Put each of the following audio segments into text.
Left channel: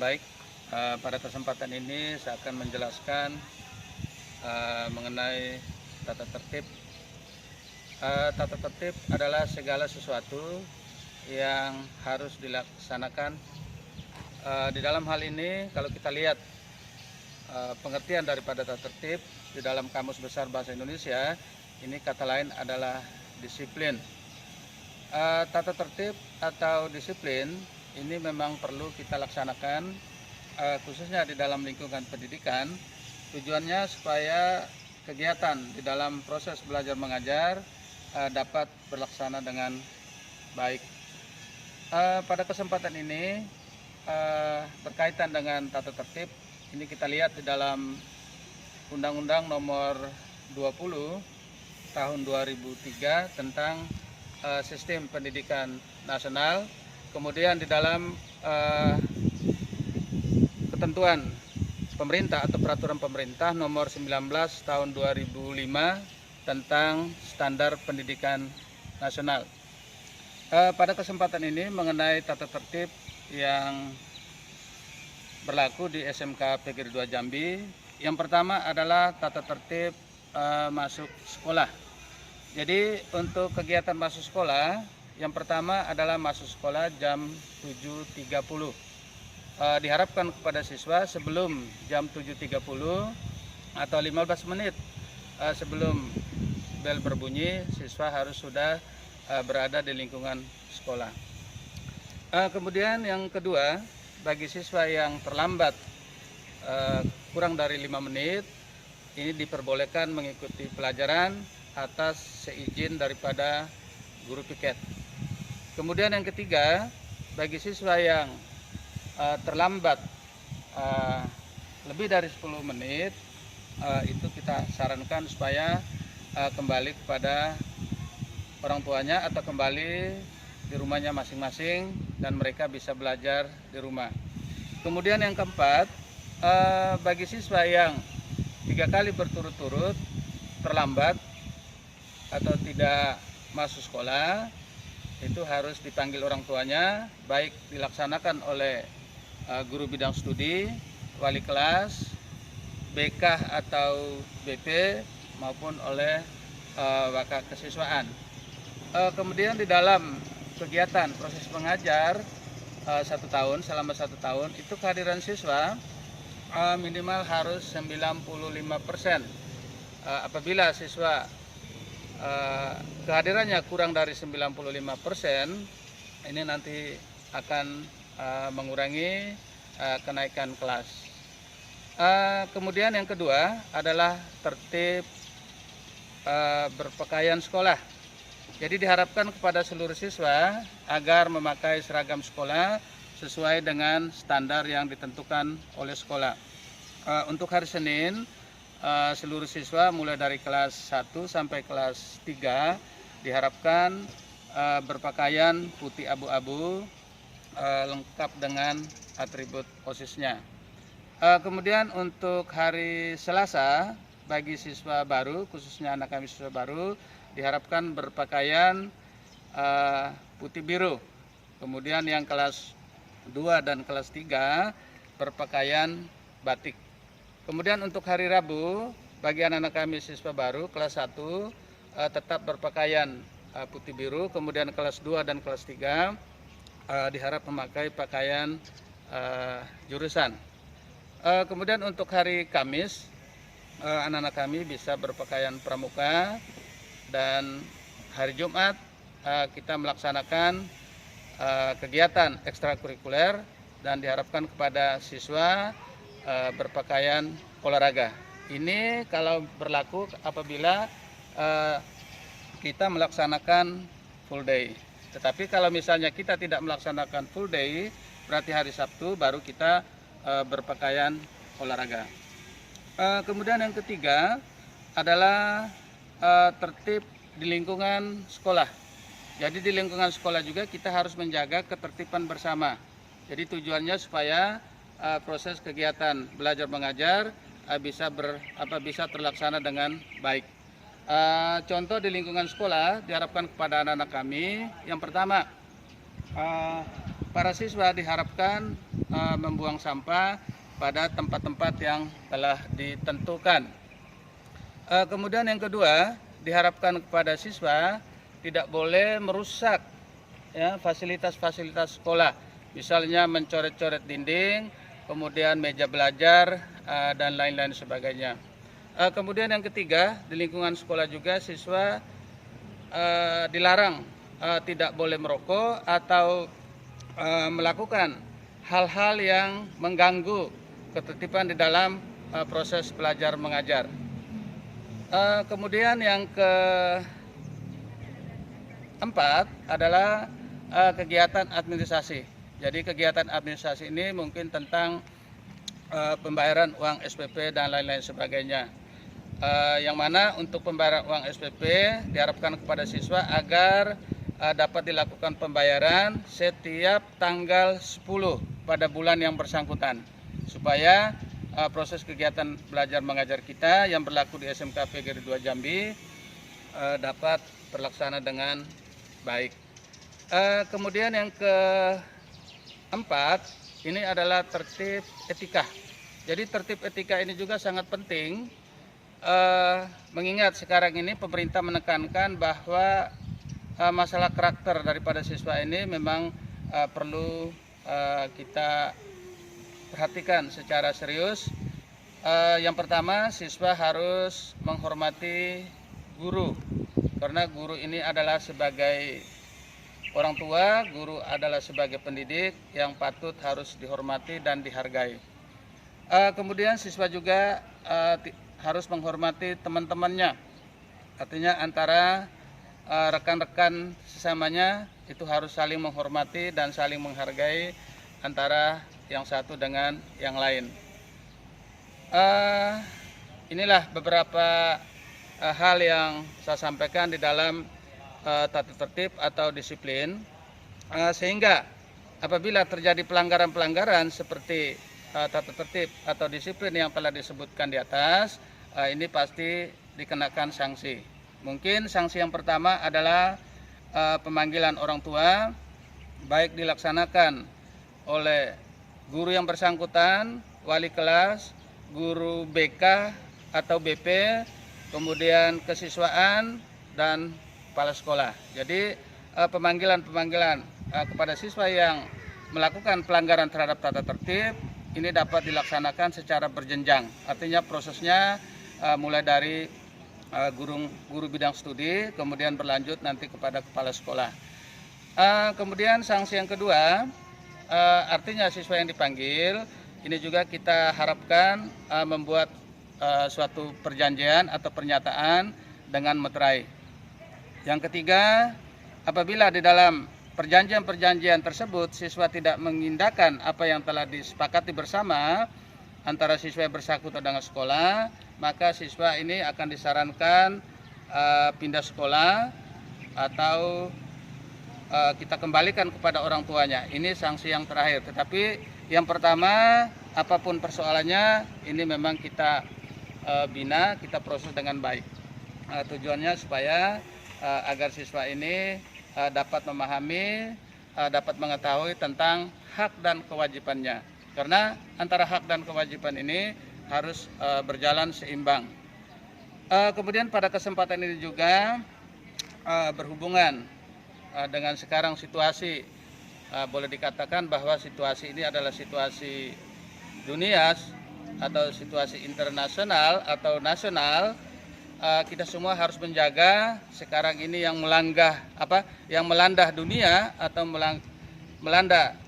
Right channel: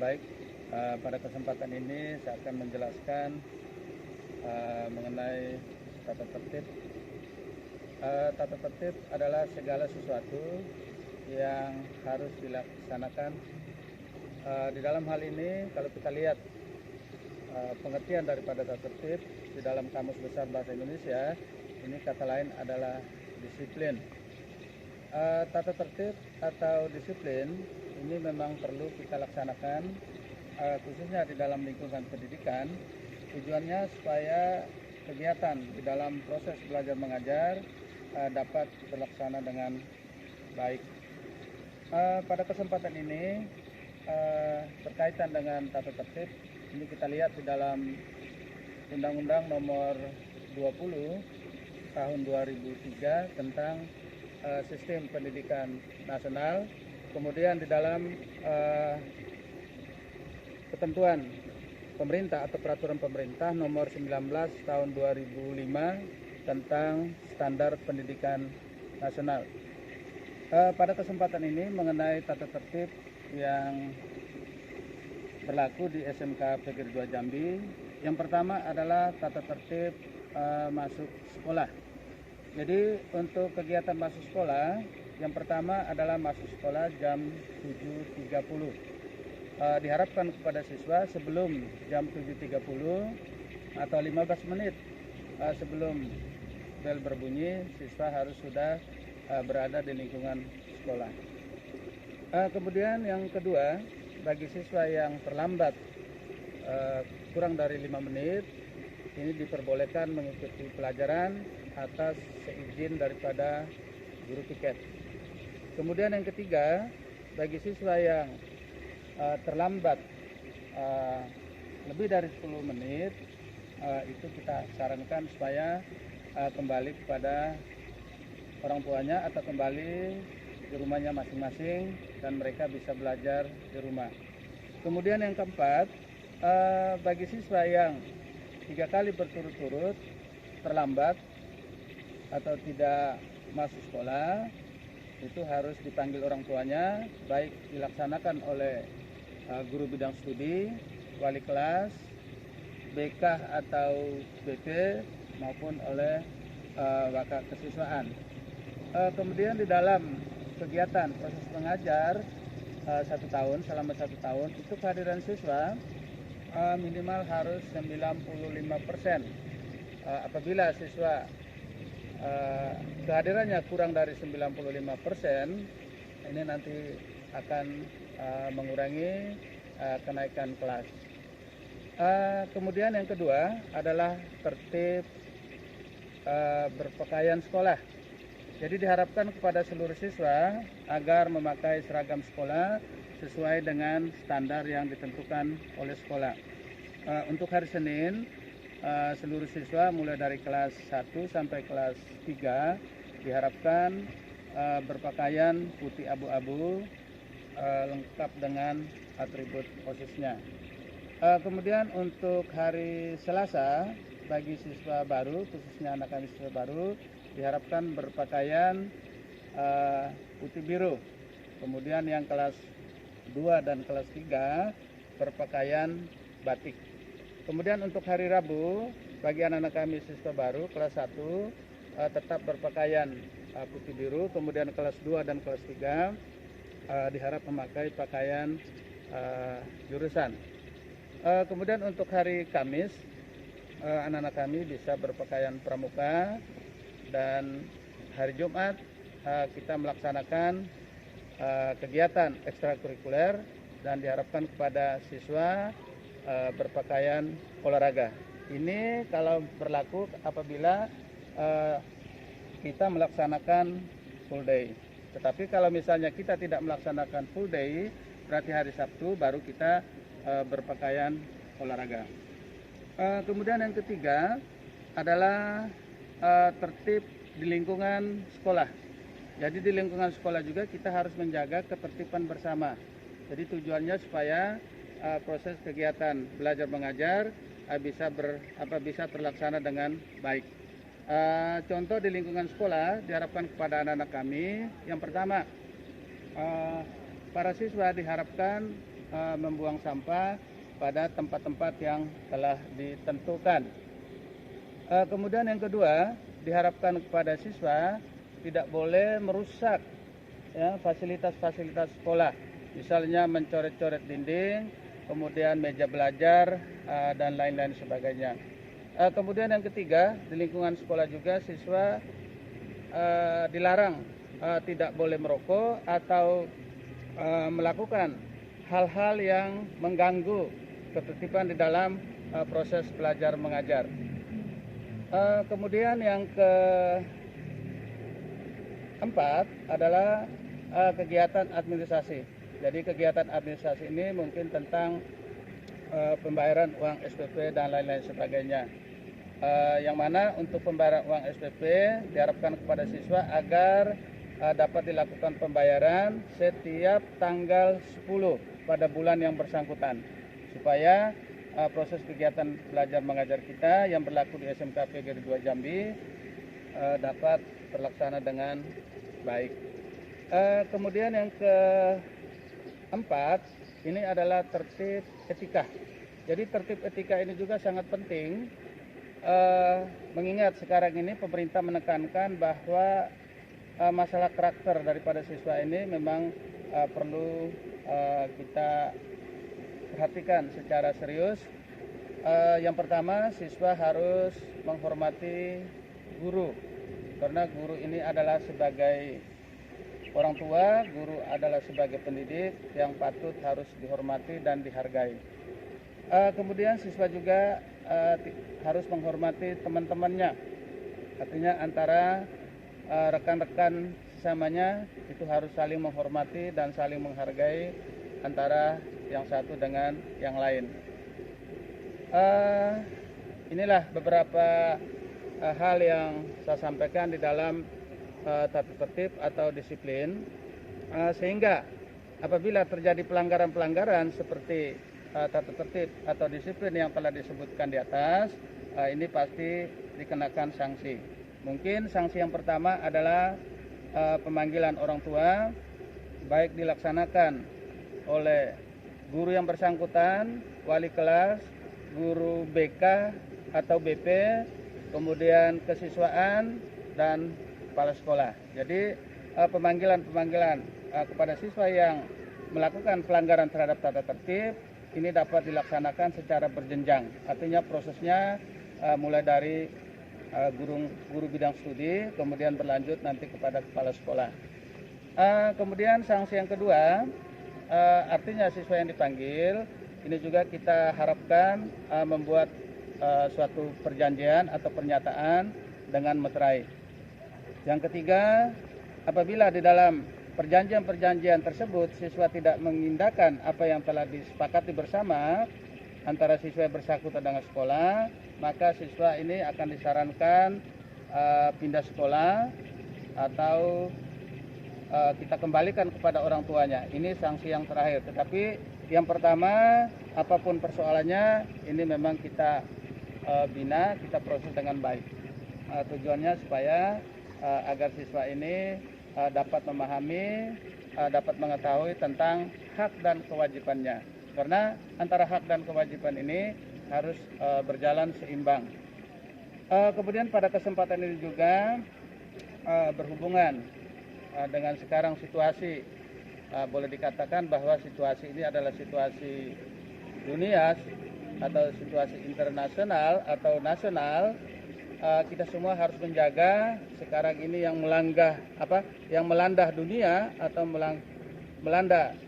Baik, pada kesempatan ini saya akan menjelaskan mengenai tata tertib. Tata tertib adalah segala sesuatu yang harus dilaksanakan. Di dalam hal ini, kalau kita lihat pengertian daripada tata tertib di dalam Kamus Besar Bahasa Indonesia, ini kata lain adalah disiplin. Tata tertib atau disiplin ini memang perlu kita laksanakan, khususnya di dalam lingkungan pendidikan. Tujuannya supaya kegiatan di dalam proses belajar mengajar dapat berlaksana dengan baik. Pada kesempatan ini berkaitan dengan tata tertib, ini kita lihat di dalam Undang-Undang Nomor 20 Tahun 2003 tentang Sistem Pendidikan Nasional. Kemudian di dalam ketentuan pemerintah atau peraturan pemerintah nomor 19 tahun 2005 tentang standar pendidikan nasional. Pada kesempatan ini mengenai tata tertib yang berlaku di SMK Negeri 2 Jambi. Yang pertama adalah tata tertib masuk sekolah. Jadi untuk kegiatan masuk sekolah, yang pertama adalah masuk sekolah jam 7.30. Diharapkan kepada siswa sebelum jam 7.30 atau 15 menit sebelum bel berbunyi, siswa harus sudah berada di lingkungan sekolah. Kemudian yang kedua, bagi siswa yang terlambat kurang dari 5 menit, ini diperbolehkan mengikuti pelajaran atas seizin daripada guru piket. Kemudian yang ketiga, bagi siswa yang terlambat lebih dari 10 menit, itu kita sarankan supaya kembali kepada orang tuanya atau kembali di rumahnya masing-masing dan mereka bisa belajar di rumah. Kemudian yang keempat, bagi siswa yang 3 kali berturut-turut terlambat atau tidak masuk sekolah, itu harus dipanggil orang tuanya, baik dilaksanakan oleh guru bidang studi, wali kelas, BK atau BP, maupun oleh wakil kesiswaan. Kemudian di dalam kegiatan proses mengajar 1 tahun, selama 1 tahun, itu kehadiran siswa minimal harus 95%. Apabila siswa kehadirannya kurang dari 95%, ini nanti akan mengurangi kenaikan kelas. Kemudian yang kedua adalah tertib berpakaian sekolah. Jadi diharapkan kepada seluruh siswa agar memakai seragam sekolah sesuai dengan standar yang ditentukan oleh sekolah. Untuk hari Senin, seluruh siswa mulai dari kelas 1 sampai kelas 3 diharapkan berpakaian putih abu-abu lengkap dengan atribut OSIS-nya. Kemudian untuk hari Selasa, bagi siswa baru, khususnya anak kami siswa baru, diharapkan berpakaian putih biru. Kemudian yang kelas 2 dan kelas 3 berpakaian batik. Kemudian untuk hari Rabu, bagi anak-anak kami siswa baru kelas 1 tetap berpakaian putih biru. Kemudian kelas 2 dan kelas 3 diharap memakai pakaian jurusan. Kemudian untuk hari Kamis, anak-anak kami bisa berpakaian pramuka. Dan hari Jumat kita melaksanakan kegiatan ekstrakurikuler dan diharapkan kepada siswa berpakaian olahraga. Ini kalau berlaku apabila kita melaksanakan full day. Tetapi kalau misalnya kita tidak melaksanakan full day, berarti hari Sabtu baru kita berpakaian olahraga. Kemudian yang ketiga adalah tertib di lingkungan sekolah. Jadi di lingkungan sekolah juga kita harus menjaga ketertiban bersama. Jadi tujuannya supaya proses kegiatan belajar mengajar bisa terlaksana dengan baik. Contoh di lingkungan sekolah diharapkan kepada anak-anak kami, yang pertama para siswa diharapkan membuang sampah pada tempat-tempat yang telah ditentukan. Kemudian yang kedua, diharapkan kepada siswa tidak boleh merusak ya, fasilitas-fasilitas sekolah, misalnya mencoret-coret dinding, kemudian meja belajar dan lain-lain sebagainya. Kemudian yang ketiga, di lingkungan sekolah juga siswa dilarang tidak boleh merokok atau melakukan hal-hal yang mengganggu ketertiban di dalam proses belajar mengajar. Kemudian yang keempat adalah kegiatan administrasi. Jadi kegiatan administrasi ini mungkin tentang pembayaran uang SPP dan lain-lain sebagainya. Yang mana untuk pembayaran uang SPP diharapkan kepada siswa agar dapat dilakukan pembayaran setiap tanggal 10 pada bulan yang bersangkutan, supaya proses kegiatan belajar mengajar kita yang berlaku di SMK PGRI 2 Jambi dapat terlaksana dengan baik. Kemudian yang keempat, ini adalah tertib etika. Jadi tertib etika ini juga sangat penting, mengingat sekarang ini pemerintah menekankan bahwa masalah karakter daripada siswa ini memang perlu kita perhatikan secara serius. Yang pertama, siswa harus menghormati guru, karena guru ini adalah sebagai orang tua, guru adalah sebagai pendidik yang patut harus dihormati dan dihargai. Kemudian siswa juga harus menghormati teman-temannya, artinya antara rekan-rekan sesamanya itu harus saling menghormati dan saling menghargai antara yang satu dengan yang lain. Inilah beberapa hal yang saya sampaikan di dalam tata tertib atau disiplin, sehingga apabila terjadi pelanggaran-pelanggaran seperti tata tertib atau disiplin yang telah disebutkan di atas, ini pasti dikenakan sanksi. Mungkin sanksi yang pertama adalah pemanggilan orang tua, baik dilaksanakan oleh guru yang bersangkutan, wali kelas, guru BK atau BP, kemudian kesiswaan, dan kepala sekolah. Jadi pemanggilan-pemanggilan kepada siswa yang melakukan pelanggaran terhadap tata tertib ini dapat dilaksanakan secara berjenjang. Artinya prosesnya mulai dari guru bidang studi, kemudian berlanjut nanti kepada kepala sekolah. Kemudian sanksi yang kedua, artinya siswa yang dipanggil ini juga kita harapkan membuat suatu perjanjian atau pernyataan dengan meterai. Yang ketiga, apabila di dalam perjanjian-perjanjian tersebut siswa tidak mengindahkan apa yang telah disepakati bersama antara siswa yang bersangkutan dengan sekolah, maka siswa ini akan disarankan pindah sekolah atau kita kembalikan kepada orang tuanya. Ini sanksi yang terakhir. Tetapi yang pertama, apapun persoalannya, ini memang kita bina, kita proses dengan baik. Tujuannya supaya agar siswa ini dapat memahami, dapat mengetahui tentang hak dan kewajibannya. Karena antara hak dan kewajiban ini harus berjalan seimbang. Kemudian pada kesempatan ini juga berhubungan dengan sekarang situasi, boleh dikatakan bahwa situasi ini adalah situasi dunia atau situasi internasional atau nasional. Kita semua harus menjaga sekarang ini yang melanda dunia atau melanda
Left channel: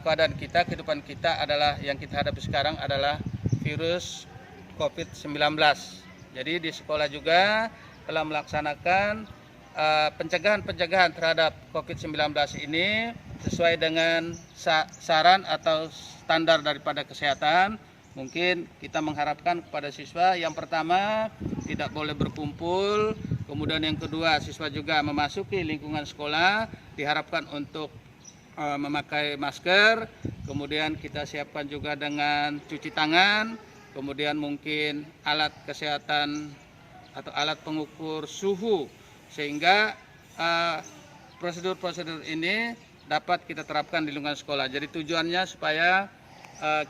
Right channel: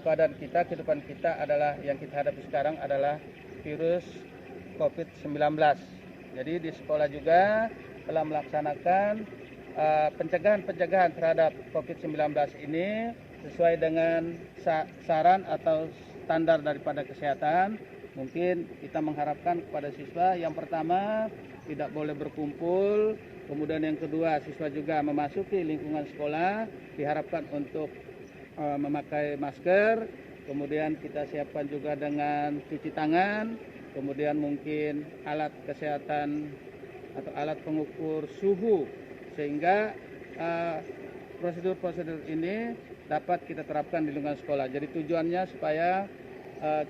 keadaan kita, kehidupan kita adalah yang kita hadapi sekarang adalah virus COVID-19. Jadi di sekolah juga telah melaksanakan pencegahan terhadap COVID-19 ini sesuai dengan saran atau standar daripada kesehatan. Mungkin kita mengharapkan kepada siswa yang pertama tidak boleh berkumpul, kemudian yang kedua siswa juga memasuki lingkungan sekolah diharapkan untuk memakai masker, kemudian kita siapkan juga dengan cuci tangan, kemudian mungkin alat kesehatan atau alat pengukur suhu, sehingga prosedur-prosedur ini dapat kita terapkan di lingkungan sekolah. Jadi tujuannya supaya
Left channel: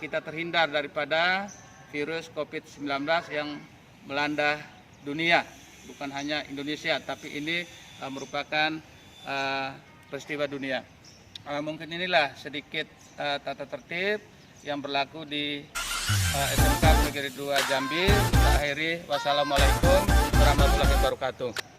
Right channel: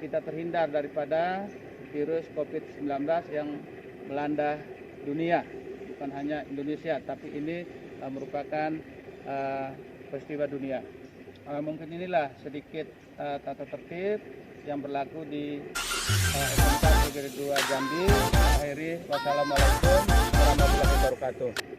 kita terhindar daripada virus COVID-19 yang melanda dunia, bukan hanya Indonesia, tapi ini merupakan peristiwa dunia. Mungkin inilah sedikit tata tertib yang berlaku di SMK Negeri 2 Jambi. Akhiri, wassalamualaikum warahmatullahi wabarakatuh.